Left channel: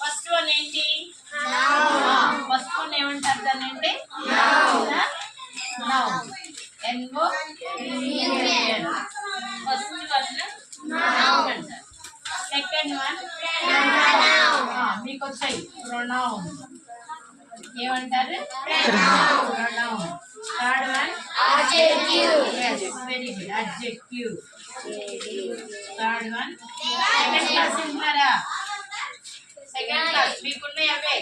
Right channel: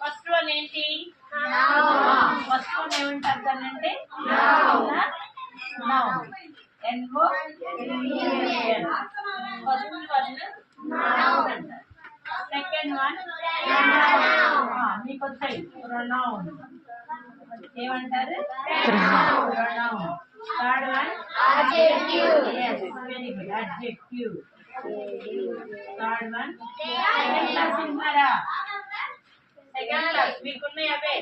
First one ఏంటి? First one ఏమంటారు దాన్ని అంటే noun. NOUN. First one noun అంటారు. సెకండ్ వన్ మీకు వచ్చాయి ప్రొనౌన్. ఏమంటారు? Pronoun. Third one yes very good adjective. Third one second class వింటున్నారా? సెకండ్ క్లాస్ మీకున్నాయి అవే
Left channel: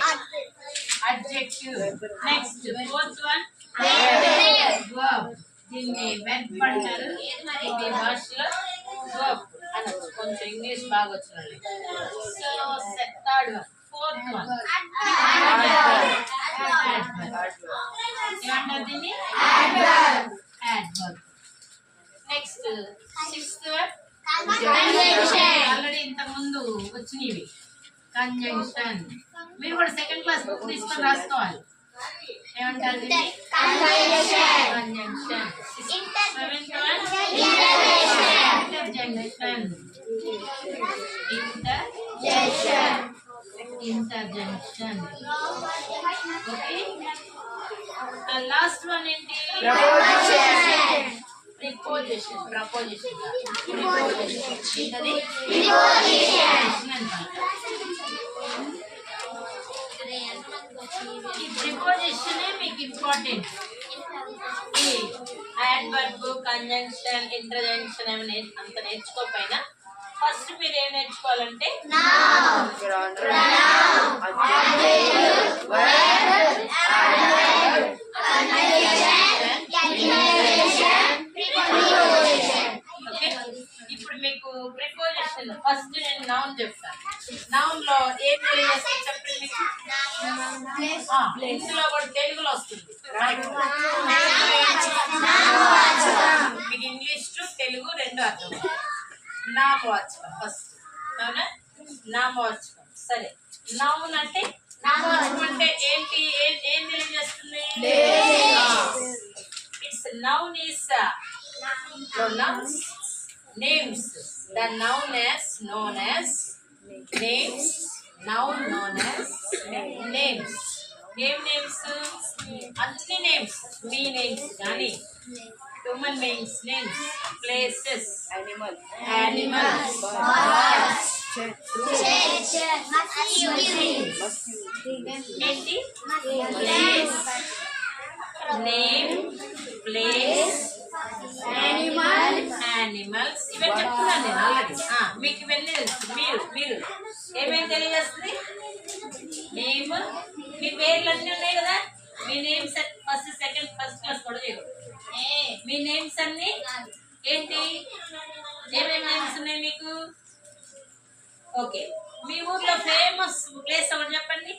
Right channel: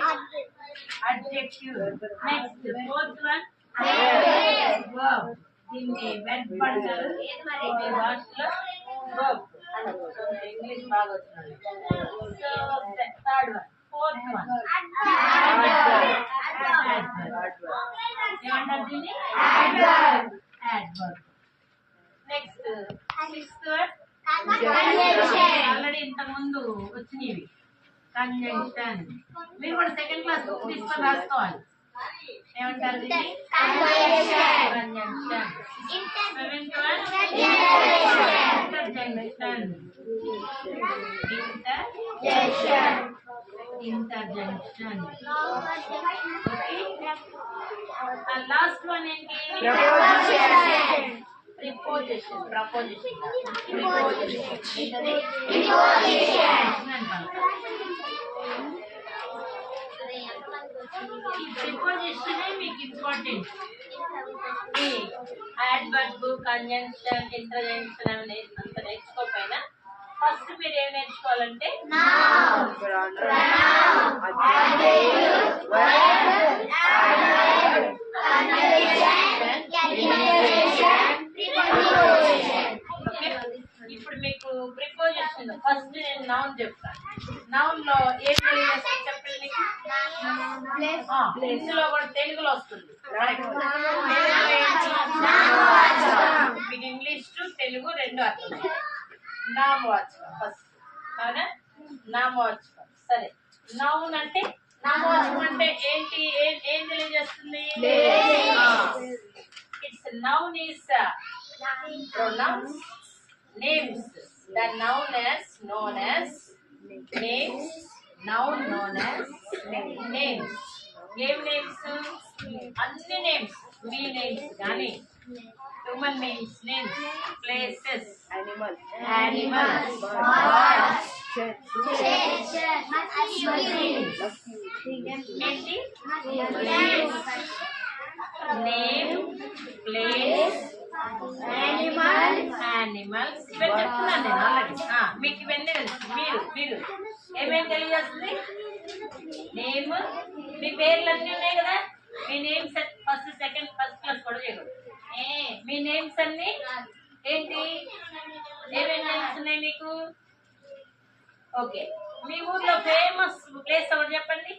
adjective. Next fourth one verb. దీన్ని వెర్బ్ అంటారు ఈ భాషలో. verb అనొచ్చు కొంచెం ఇంగ్లీష్ బాగా వచ్చిన వాళ్ళకి. So third one fourth one ఏమంటారు దీన్ని? adverb. Next sixth one already ఇంత ముందు వచ్చినవి కంజంక్షన్. మీరు కూడా సెకండ్ క్లాస్ బుక్ తీసుకొని రాసుకోవాలి. ఏమంటారు దీన్ని? Conjunction. Seventh one ఇంటర్జంక్షన్. ఇంటర్జంక్షన్. Okay. Last one ఏంటి? ప్రిపోజిషన్. ప్రపోజిషన్ ఏంటది? ఈ ప్రిపోజిషన్ మీకు ఇంపార్టెంట్. ఈ యాడ్వర్బ్, కంజంక్షన్, ఇంటర్జంక్షన్ అవి అంత నేర్చుకోకపోయినా ఫస్ట్ మీరు ఏం నేర్చుకోవాలంటే ఇప్పుడు మీకు ప్రిపోజిషన్ ఫస్ట్ నేను నౌన్ చెప్తాను. నౌన్ లో ఏం తెలియజేస్తుంది చెప్పండి మీకు. ఇందులో కూడా తెలుగులో వస్తుంది. మీకు ఇంగ్లీష్ టు తెలుగు రెండు అర్థం. నామవాచకం ఫస్ట్. అవునా? నామవాచకం. సరే, నౌన్ అంటే నామవాచకం అంటే ఏంటి? ఏం తెలియజేస్తుంది? It's noun is pronouns, names. The noun is known as names. Noun known as names. Game names, అన్ని names, me names గాని human beings names, places, animals, birds, ఏంటి? place, name, place, animals. ఇవన్నీ చెప్తున్నాను నేను ఆల్రెడీ. మీకు ఇవన్నీ తెలుసు. మీరు ఏమేమి తెలియజేస్తుంది? నేమ్, మీ పేర్లు అన్నీ ఉన్నాయి కదా. మీ names first second first class కూడా చేయకూడదు. మీ నేమ్స్ అన్ని ఏంటి? ఏమేమి నేమ్స్ ఉన్నాయి మీకు? ఓకే. మీ ఊర్లో ఫేమస్ ప్లేస్ ఒకటి చెప్పండి.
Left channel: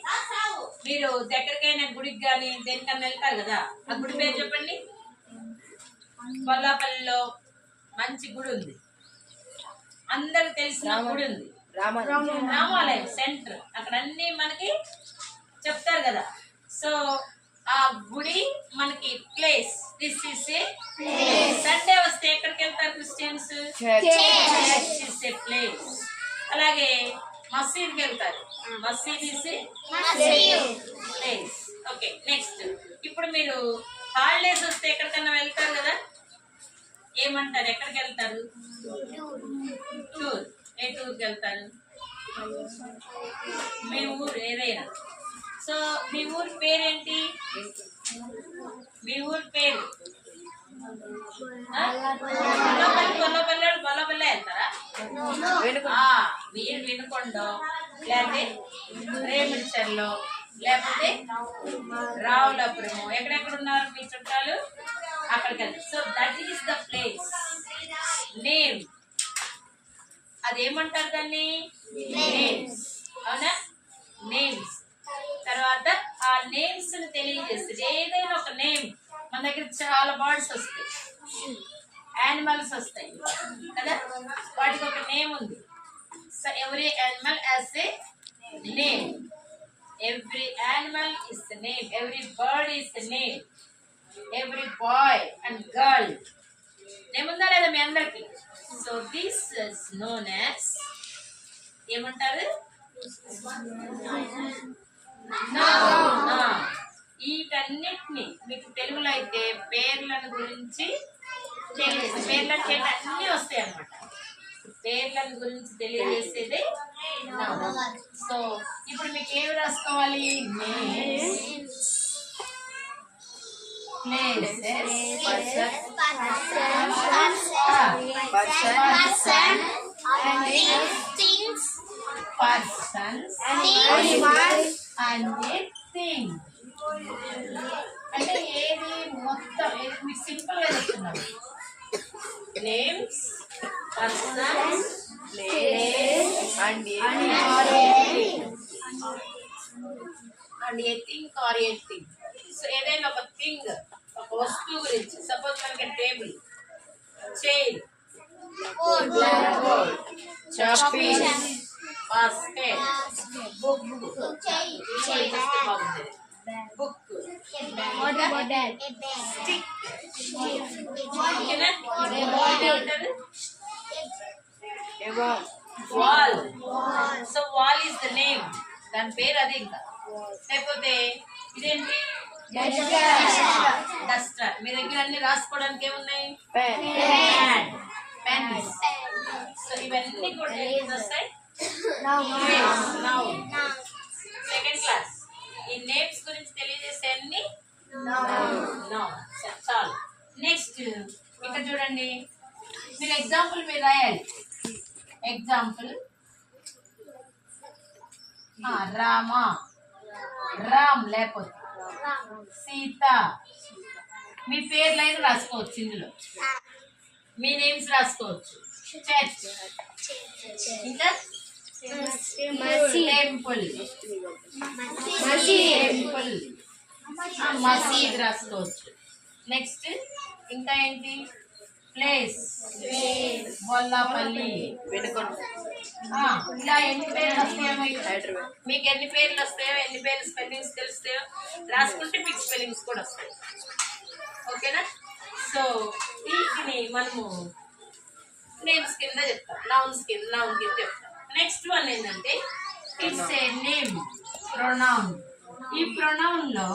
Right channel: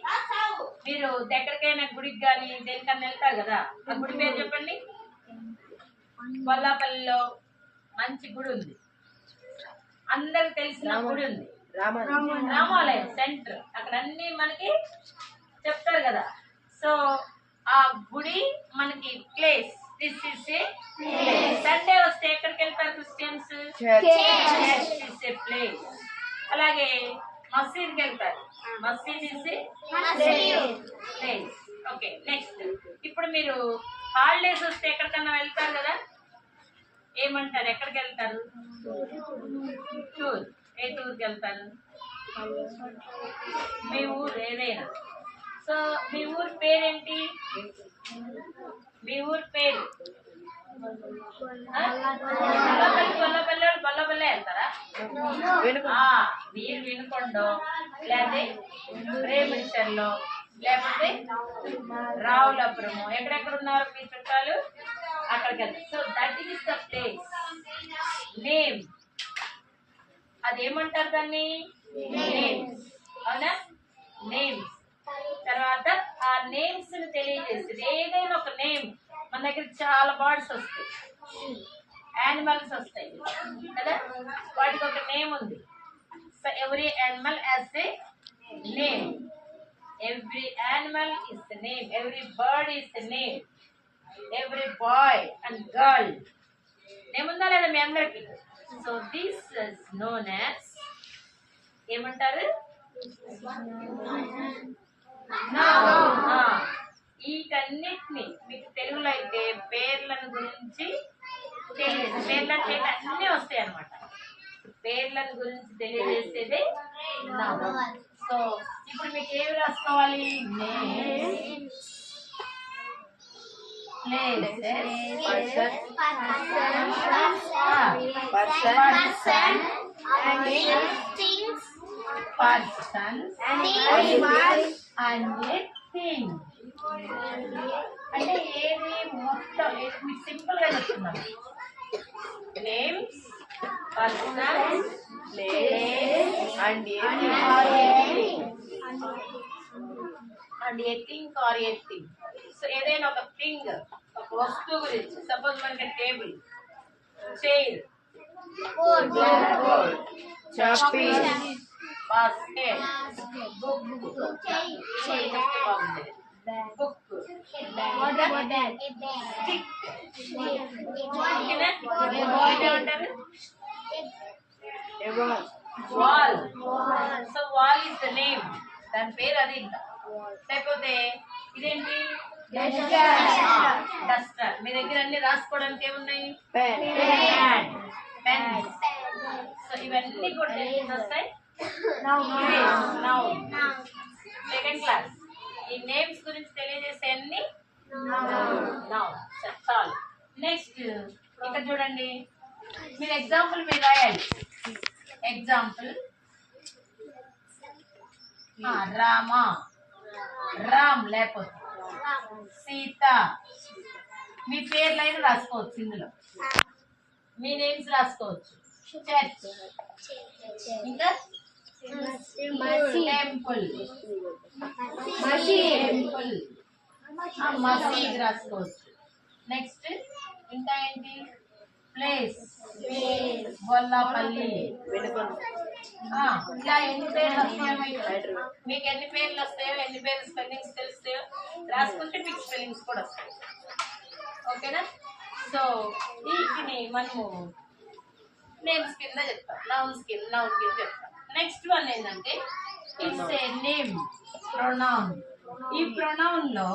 మీరు దగ్గరకైనా గుడికి కానీ దేనికన్నా వెళ్తారు కదా, ఆ గుడి పేరు చెప్పండి. కొల్లాపల్లిలో మంచి గుడి ఉంది, అందరికి తెలిసిన గుడి ఉంది, రామాలయం సెంటర్. అక్కడ అన్ని మనకి చెప్తారు కదా. సో ఆ గుడి మనకి place. This is a Sunday వస్తే ఎక్కడికి వెళ్తారు Christians? Church is a place. అలాగే మసీద్కి వెళ్తారు. మసీద్ is a place. Okay. Next ఇప్పుడు మీరు హాలిడేస్ వస్తే ఎక్కడికన్నా వెళ్తారు కదా, ఏమంటారు? ఎక్కడికి వెళ్తారు? టూర్. ఏ టూర్కి వెళ్తారు? మీ ఊరు ఏదైనా. సో మీ ఊరి పేరేంటి? మీ ఊరి పేరు బొల్లపల్లి వెళ్తారా? మీరు వినుకొండో, లేకపోతే రేమిడిచర్లో, లేకపోతే రావులపురము, ఎక్కడెక్కడ ఉన్నారు మీ చుట్టాలు అక్కడికి వెళ్తారు. So that is the place. Name, అదేమంటారు దాన్ని? నేమ్స్. అవునా? నేమ్స్. తర్వాత ఆ నేమ్స్ ని తెలియజేస్తుంది. ఏదైనా ఒక నేమ్. మన దగ్గర చాలా బర్డ్స్ వస్తాయి, యానిమల్స్ వస్తాయి కదా, వాటికి ఒక నేమ్ ఉంది. So every animal has a name. Every animal is the name. Every bird is the name. Every boy and girl. Name unda leda మీ అందరికి. So this is known as ఏమంటారు? వీటన్నిటిని మీకు తెలుగులో అయితే పేర్లను గురించి పేర్లకి అన్నీ వస్తాయి అన్నమాట. పేర్లను గురించి తెలియజేసేది నౌన్. సో ఇప్పుడు మీకు ఏమి రాసుకోవాలి? Names, places, persons and thing. అంటే ఏది మొత్తం మీకు సింపుల్ గా చెప్తున్నాము. Names, persons, place and a thing or a thing. So ఏదైనా ఒక థింగ్, ఒక వస్తువు గురించి, సపోజ్ మనకి table, chair, black board, chalk pieces, basket, book, book, stick, wall. So wall is the name, దాని పేరు అది. ఇంకా లేకపోతే ఇదేంటి? డస్టర్. మీ దగ్గర అన్ని రాసుకోవడానికి ఏమున్నాయి? పెన్స్. సో ఇవన్నీ కూడా వస్తాయి నౌన్. Second class. ఈ నేమ్స్ గురించి తెలియజేసే అన్ని నౌన్. చాలు. నెక్స్ట్ ఇక్కడ చూడండి, మీరు ఎగ్జాంపుల్ మీరు రాయాలి. ఎగ్జాంపుల్ రామ, రామ్, లేకపోతే సీత. మీ పేర్లైనా రాసుకోవచ్చు ఇందులో, మీ నేమ్స్ రాసుకోవచ్చు. చర్చ్, ఇంకా టెంపుల్, టెంపుల్, మసీద్ రాసుకోవచ్చు. నెక్స్ట్ ఇంకా ఏంటి? ప్లేస్, బొల్లాపల్లి, ఇలా ఎన్ని పేర్లు వస్తాయో, మీకు ఎన్ని పేర్లు వస్తాయో, ఎన్ని పేర్లు స్పెల్లింగ్స్ తెలుస్తాయో రాసుకుంటే మీకు స్పెల్లింగ్స్ కూడా వస్తాయి. ఓకేనా? సో వీటిని మనము నేమ్స్ కింద చెప్తాం, నౌన్ కింద చెప్తాం. నెక్స్ట్ వన్ ఏంటంటే ఇట్స్ ఏ నేమ్, ప్రొనౌన్. ఈ ప్రొనౌన్ లో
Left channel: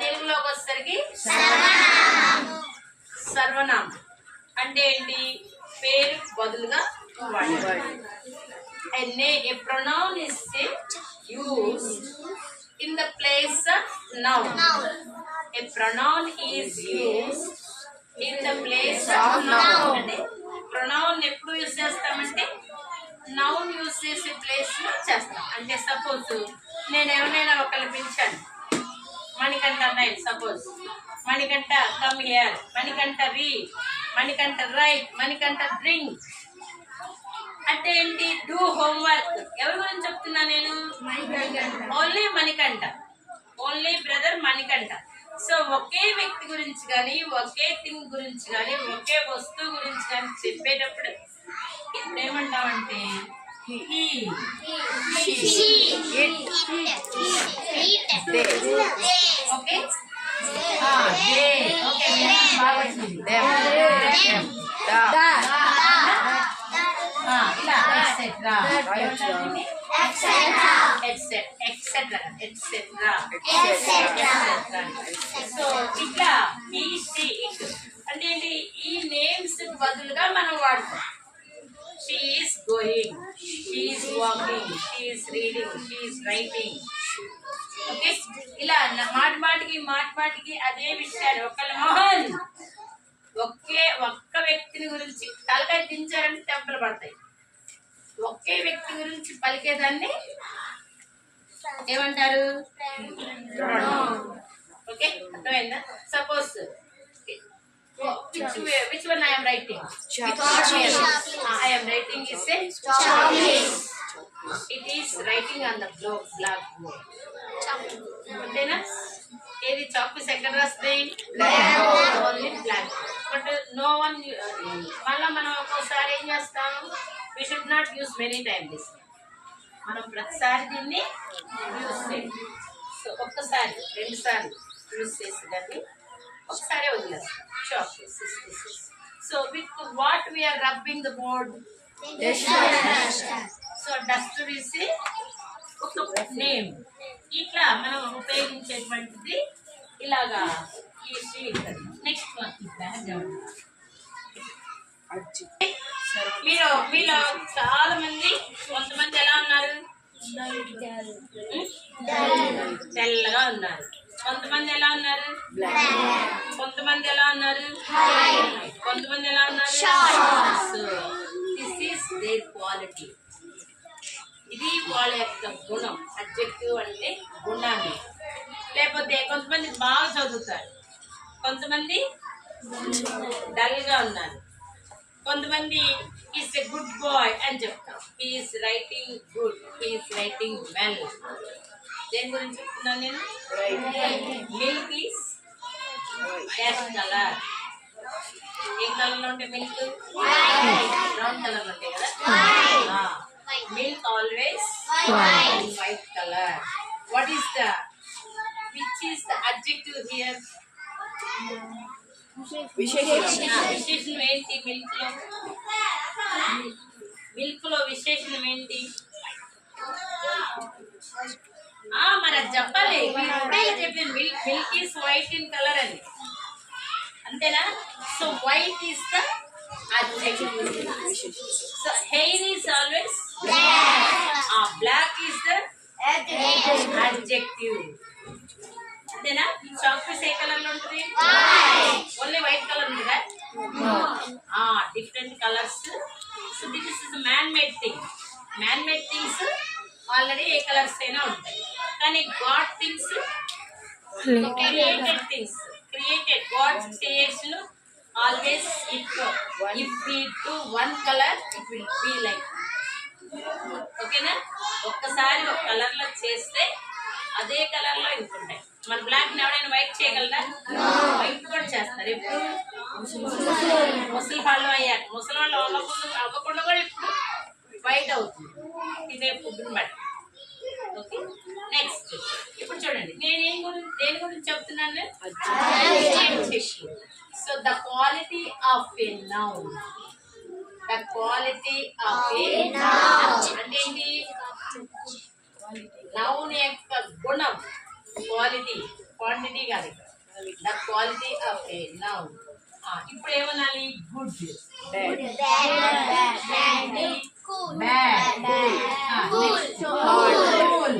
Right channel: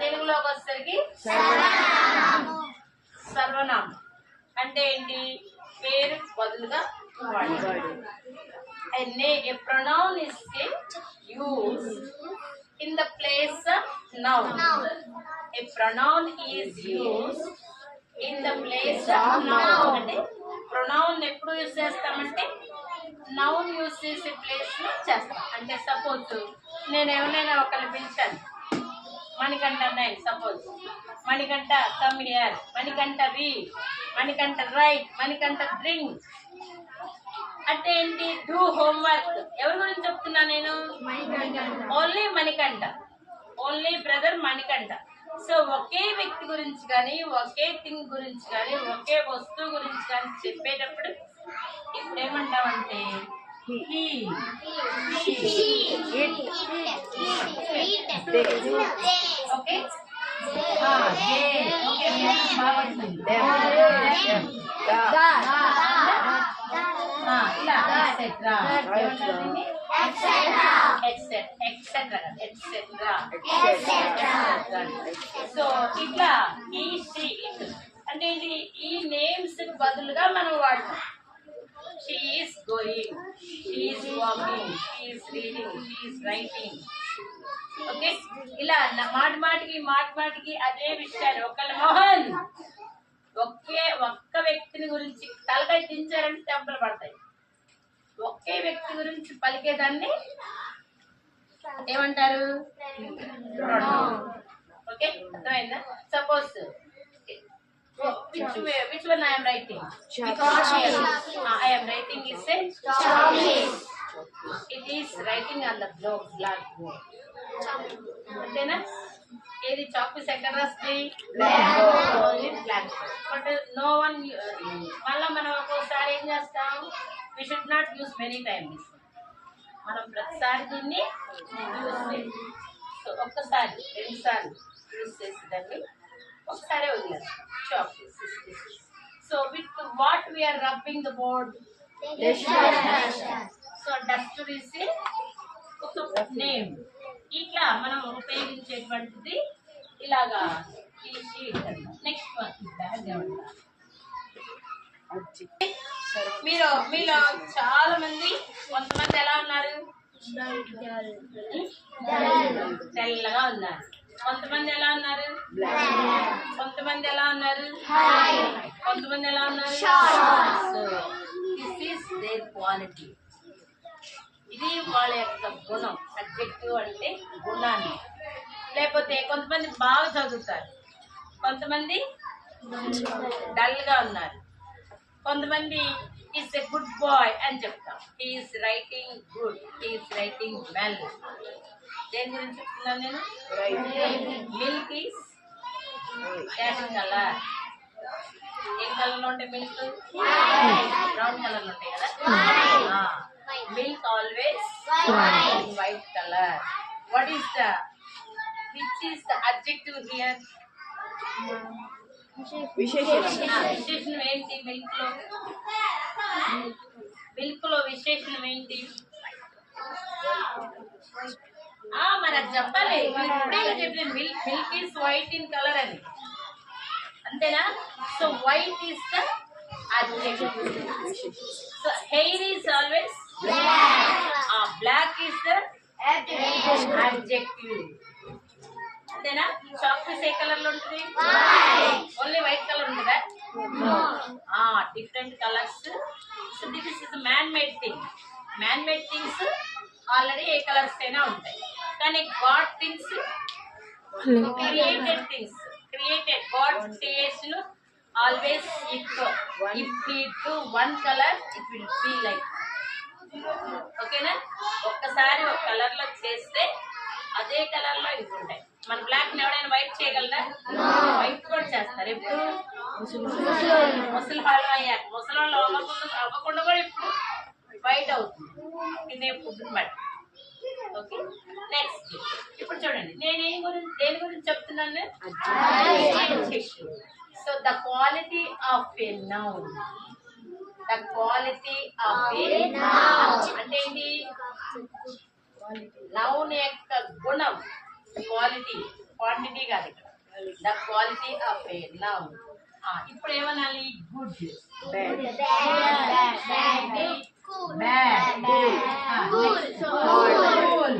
తెలుగులోకి వచ్చేసరికి సర్వనామం. అంటే ఏంటి? పేరు బదులుగా వాడేది. A pronoun is used in the place of noun. A pronoun is used in the place of noun. అంటే ప్రొనౌన్ ఎప్పుడు యూజ్ చేస్తామంటే నౌన్ యూజ్ చేసే ప్లేస్ లో చేస్తాం. అంటే సపోజ్ నేను ఎవరైనా ఒకరిని పిలిచాను, మణికంఠ అన్నాయి. Suppose Manikanta come here, Manikanta read, Manikanta write, Manikanta drink. అంటే ఏంటి? Do homework. ఎవరి గురించి చెప్తున్నా నేను? Only Manikanta, only brother Manikanta. So ఒకే వ్యక్తి గురించి కానీ, ఒకే థింగ్ గురించి కానీ, ఒకే వస్తువు గురించి కానీ చెప్పేటప్పుడు ఇప్పుడు ఏమంటామంటే he, she, it, they. Okay, they. Okay, బాగా వచ్చింది. them, ఇలా ఎక్సెట్రా, సో ఇట్లా ఈ షీ ఇట్ అంటే ఏంటి? ఈ నేమ్స్ బదులుగా మనం వాడతాం. She is going, she is walking, she is reading, she is writing. Okay, ఇలా మాటిమాటికి అదే విషయాలు. ఒకళ్ళ మోహన్ ఒక్క వ్యక్తిని గురించి తలకాయ దించారంటే దెబ్బలు పడతాయి. ఒకే వ్యక్తి గురించి పలికేదాన్ని ఏమంటారు? ఓకే, అర్థమైందా? Suppose which one I am writing? I am writing is a chalk. It is writing on the blackboard. అంతేనా? ఏది చాక్ పీస్ ఎక్కడ రాస్తాయి? Only black. But no one. మళ్ళీ మనం ఒక్కోసారి ఏం చేస్తాం? we should not use many times this. మనం ప్రతిసారి దీన్ని యూజ్ చేయాలి. సో ఒక్కసారి 2 సార్లు యూజ్ చేసేదాన్ని ఒకసారి వదిలేస్తాం. Chalk piece. So with what we are rubbing the board? So duster is ఒక నేమ్. ఇట్లా మనం ఉపయోగించేటువంటిది ఇలాగా ఈ షీట్. నెక్స్ట్ వన్ మీలో చాలా మంది, కొంతమంది ఎలా ఉన్నారు, తెల్లగా ఉన్నారు. కొంతమంది ఎలా ఉన్నారు, కొంతమంది ఎలా ఉన్నారు, కొంతమంది ఎలా ఉన్నారు. So this is their quality. ఇది వాళ్ళ యొక్క గుణం. అడ్జెక్టివ్ అంటే గుణాన్ని. లేకపోతే కొంతమంది బాగా చదువుతారు, కొంతమంది డల్గా ఉన్నారు, కొంతమంది ఈస్ ఎ గుడ్ బాయ్ అని చెప్తాం. He's writing good, he's writing well. దేని గురించి చెప్తున్నాను నేను? Milk is dash colour. ఏ కలర్లో ఉంటాయి మిల్క్? బ్రౌన్ కలర్లో ఉంటాయి కదా. Milk always white colour. What is the which is the adjective here? విశేషణం ఏంటి మిల్క్ లో? మిల్క్ లో విశేషణం ఏంటి? మరి అది చెప్పాలి. చెప్పాను milk is white in colour అని, అంతేనా? So white is the adjective. So hair is always black. Black is the adjective. అంతేనా? చాక్లెట్ ఏ కలర్ లో ఉంటుంది? ఓన్లీ వైట్ కలర్ ఉంటుందా? Different colours. So this is man made thing. Man made things already A colours అయినా ఉంటాయి. కానీ God things, created things, created God creation always if we do one color it will be like, ఓకేనా? ఒక్కసారి ఒక colour లో చేస్తే అదే colour లో ఇంకుంటాయి. మన బ్లాక్ ని ఎవరైనా వైట్ చేయగలరా? వైట్ కూడా చేస్తారు. ఎప్పుడు? ముసలి వాళ్ళు అయ్యాక. ముసలి వాళ్ళు అవ్వకుండా కూడా ఇప్పుడు వైట్ అవుతుంది, తినే ఫుడ్ని బట్టి. ఓకే, నెక్స్ట్ ఇప్పుడు చూడండి, నేను దేని గురించి చెప్తున్నాను? So the quality of a noun. The quality of a noun. అంటే ఏంటి? నౌన్ యొక్క గుణం. క్వాలిటీ, క్వాంటిటీ కాదు. The quality of a noun. ఇప్పుడు ఏమనాలి? Good, bad,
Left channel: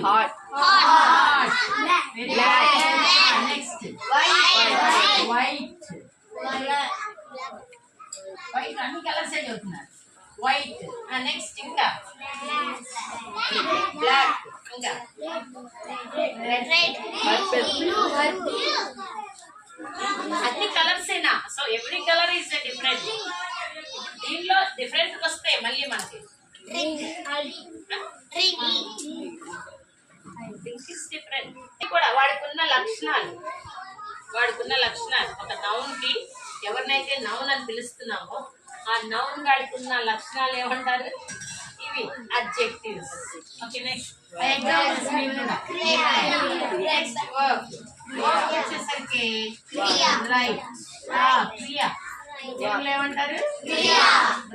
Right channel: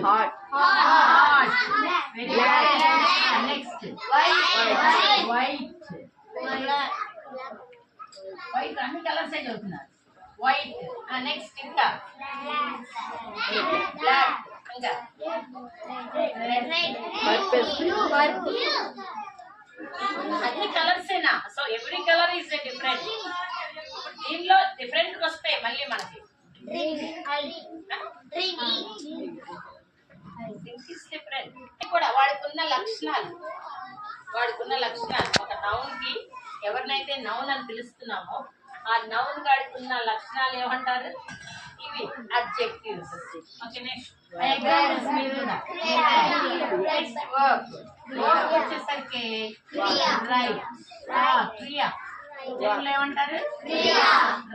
hot, next white. White అన్ని కలర్స్ చదువుతున్నారు. వైట్, నెక్స్ట్ ఇంకా బ్లాక్, ఇంకా అన్ని కలర్స్ ఏనా? So every colour is different. దీనిలో డిఫరెంట్ వస్తాయి మళ్ళీ మనకి. డిఫరెంట్ కూడా వాడికున్న లక్షణాలు. ఒక నౌన్ కి ఎవరినైతే నౌన్ అని పిలుస్తున్నామో ఆ నౌన్ గాడికి ఉన్న లక్షణాలు ఏమంటారు? ఇవి అడ్జెక్టివ్స్. ఓకే, నెక్స్ట్ వచ్చేసరికి రైట్, క్రియ. తెలుగులో ఏమంటారు?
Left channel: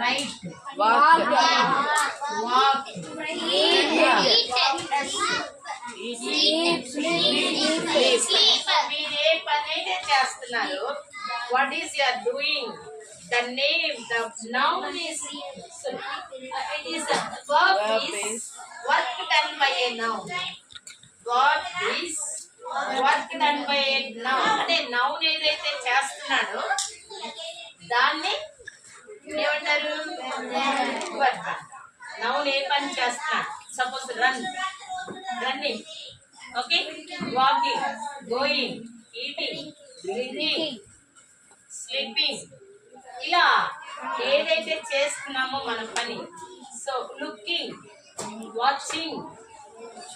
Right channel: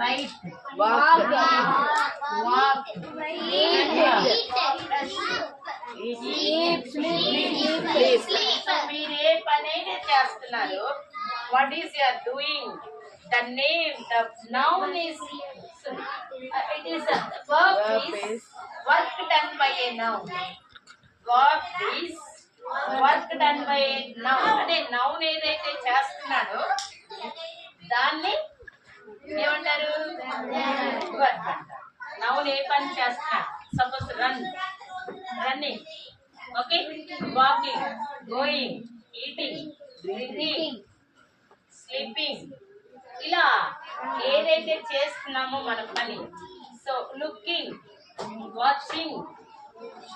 రైట్, వాక్, మీరు ఏ పని అయితే చేస్తున్నారు, what is you are doing, the name, the noun is, it is a verb is work done by a noun. What is work done by a noun? అంటే noun ఏదైతే చేస్తున్నాడో దాన్ని ఏమంటారు? వర్క్ అంటారు. నౌన్ ఏ పని చేస్తున్నాడు? Suppose running, okay, walking, going, eating, drinking, sleeping, ఇలా ఏదైతే చేస్తున్నామో మన పని. So looking, watching.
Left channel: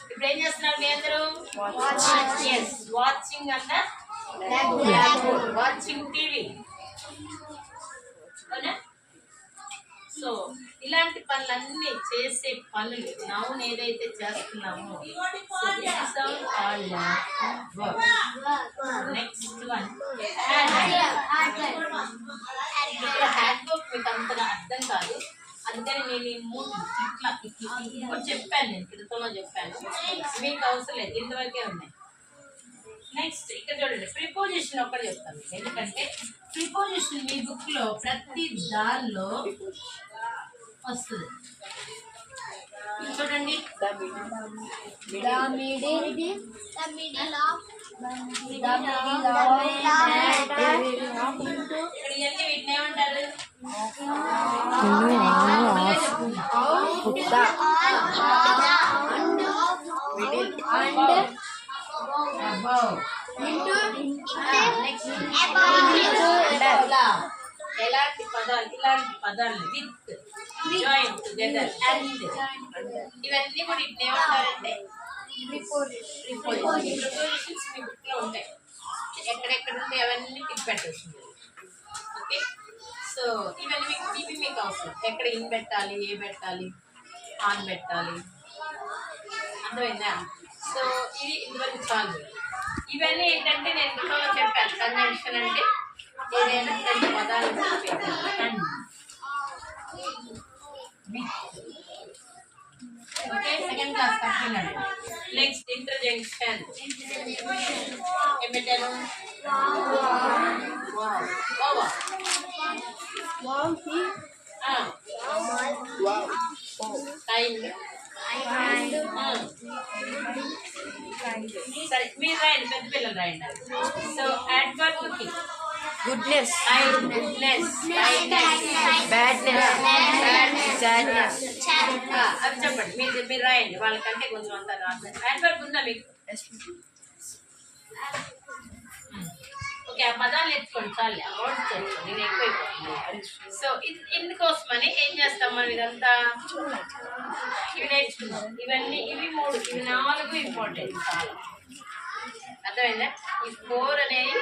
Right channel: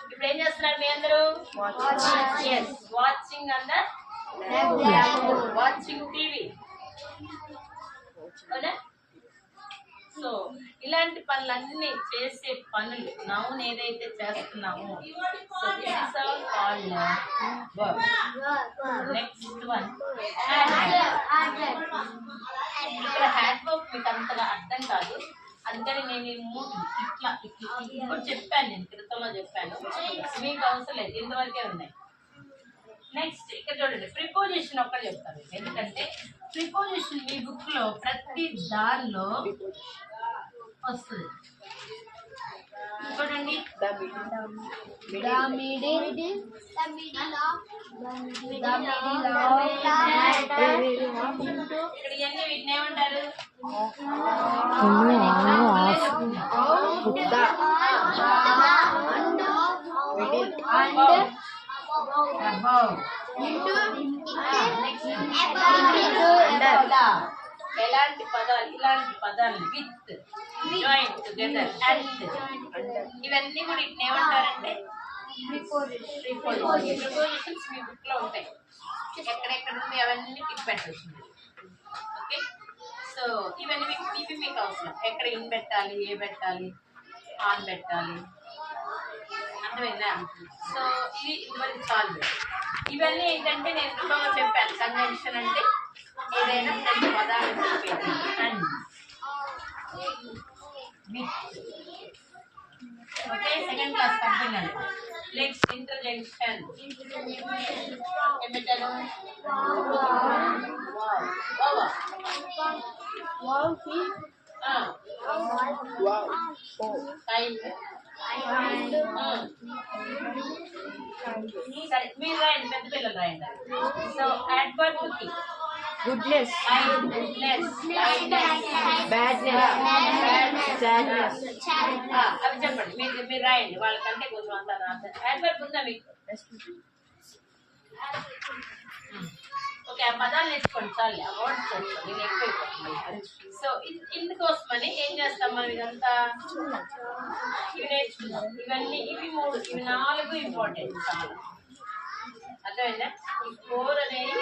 ఇప్పుడు ఏం చేస్తున్నారు మీ అందరూ? వాచింగ్ అన్న వాచింగ్ టీవీ. అవునా? సో ఇలాంటి పనులన్నీ చేసే పనులు నౌన్ ఏదైతే చేస్తున్నామో, so this is all called verb. Next one ఇక్కడ హ్యాండ్ వర్క్ మీకు అంతగా అర్థం కాదు, అందుకని నేను ఈ మూడు ఇట్లా ఇట్లా ఇంకోటి చెప్పాను, నేను క్రితంలో చెప్పాను, మీకు అవసరం లేదు, ఇంతవరకే ఉన్నాయి. నెక్స్ట్ ఇక్కడ చూడండి, ప్రిపోజిషన్ ఒక్కటి చెప్తాను, ఎందుకంటే ప్రిపోజిషన్ మీ బుక్ లో ప్రతి దానిలో వస్తుంది. చూడండి, ఇక్కడ ఇవన్నీ వీటిని ఏమంటారు? ఎలాంటి పదాలు, ఇలాంటి పదాలు, విత్, జాయిన్, టుగెదర్, అండ్, ఇవన్నీ కూడా ఇట్లా ఏమంటారంటే ప్రిపోజిషన్స్ మీ బుక్ లో ఉంటాయి. ఎక్కడెక్కడ ఉంటాయి అవన్నీ టిక్ పెట్టచ్చు. ఓకే, సో ఇవన్నీ మీకు అవసరం. ఎక్కడ ఇన్ పెట్టాలి, ఏ పెట్టాలి, ఆన్ పెట్టాలి, అర్థమైందా? సో ఇది ఇంతవరకు చాలు. ఇవన్నీ ఏంటంటే నేను ఇంట్లో చెప్పాను, కంజంక్షన్ అంటే ఏదైనా రెండు పదాలు చెప్పేది. And, with. Okay, second class complete. Next ఇంటర్జంక్షన్. ఏం పెట్టాను? సరే, మీరు రాయండి, పెద్ద పిల్లలు రాయండి. సో అడ్వర్బ్ కి గుడ్నెస్, గుడ్నెస్, బ్యాడ్నెస్, సాడ్నెస్. అవి చెప్పండి, మీరు రాయండి, వాళ్ళకంటే కొంచెం అంతా రాస్తారు. అడ్వర్బ్ ఉందా మీకు? ఓకే, ఆ పదాలు నేర్చుకోండి చాలు, ఆ వర్డ్స్ నేర్చుకోండి, నేను ఎక్కువైపోతున్నాను. సో ఇందుకోసమని ఏం చేస్తాం మనం, ఇదంతా ఇవి నేర్చుకున్నాం. ఇవన్నీ ఇవి మూడు, ఇవి నాలుగు ఇంపార్టెంట్ చాలా. అర్థమైందా? ఈ 4 అనేవి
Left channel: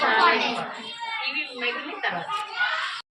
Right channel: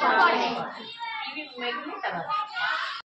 చాలా ఇంపార్టెంట్. ఇవి మిగిలిన తర్వాత